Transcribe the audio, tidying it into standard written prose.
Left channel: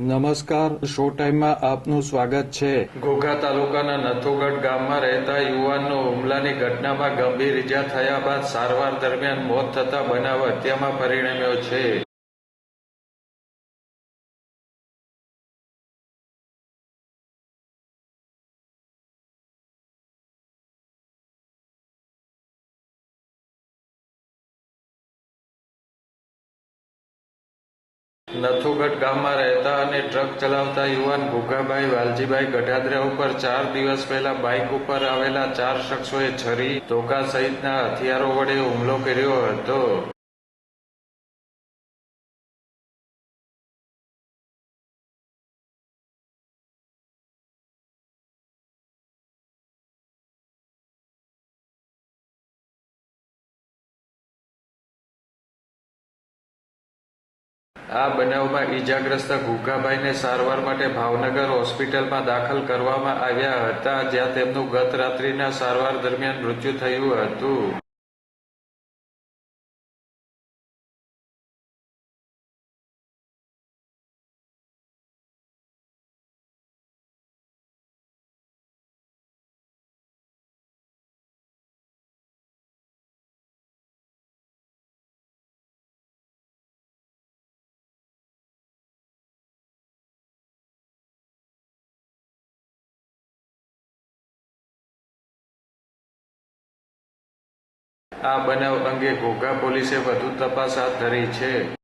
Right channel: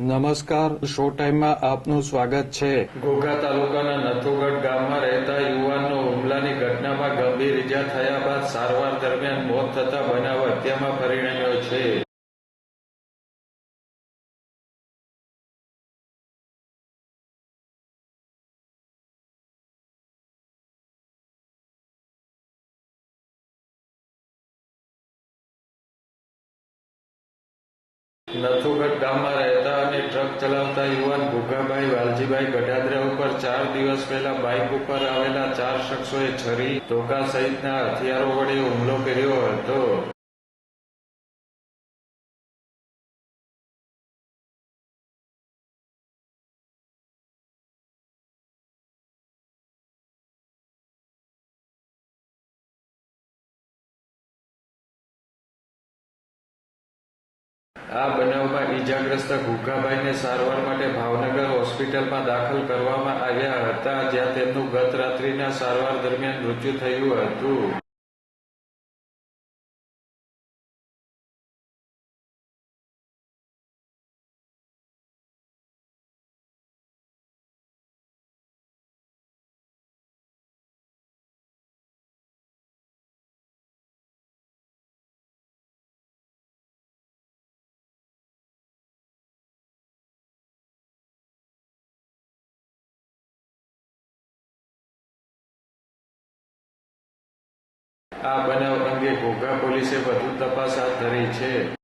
નમસ્કાર, શો ટાઈમમાં આપનું સ્વાગત છે. ઘોઘા તાલુકાના નથુગઢ ગામમાં રહેતા યુવાનનો હુમલાની ઘટનામાં ગંભીર ઇજા થયા બાદ સારવાર દરમિયાન મોત થતા બનાવ હત્યામાં પરિણમ્યો છે. નથુગઢ ગામમાં રહેતા અને ટ્રક ચલાવતા યુવાન ભૂખાભાઈ વાલજીભાઈ ગઢાદરા ઉપર 4 દિવસ પહેલા બાઇક ઉપર આવેલા 4 શખ્સોએ છરી, ધોકા સહિતના હથિયારો વડે હુમલો કર્યો હતો. આ બનાવમાં ઇજાગ્રસ્ત ઘુઘાભાઈને સારવાર માટે ભાવનગર હોસ્પિટલમાં દાખલ કરવામાં આવ્યા હતા, જ્યાં તેમનું ગત રાત્રિના સારવાર દરમિયાન મૃત્યુ થયું હતું. આ બનાવ અંગે ઘોઘા પોલીસે વધુ તપાસ હાથ ધરી છે.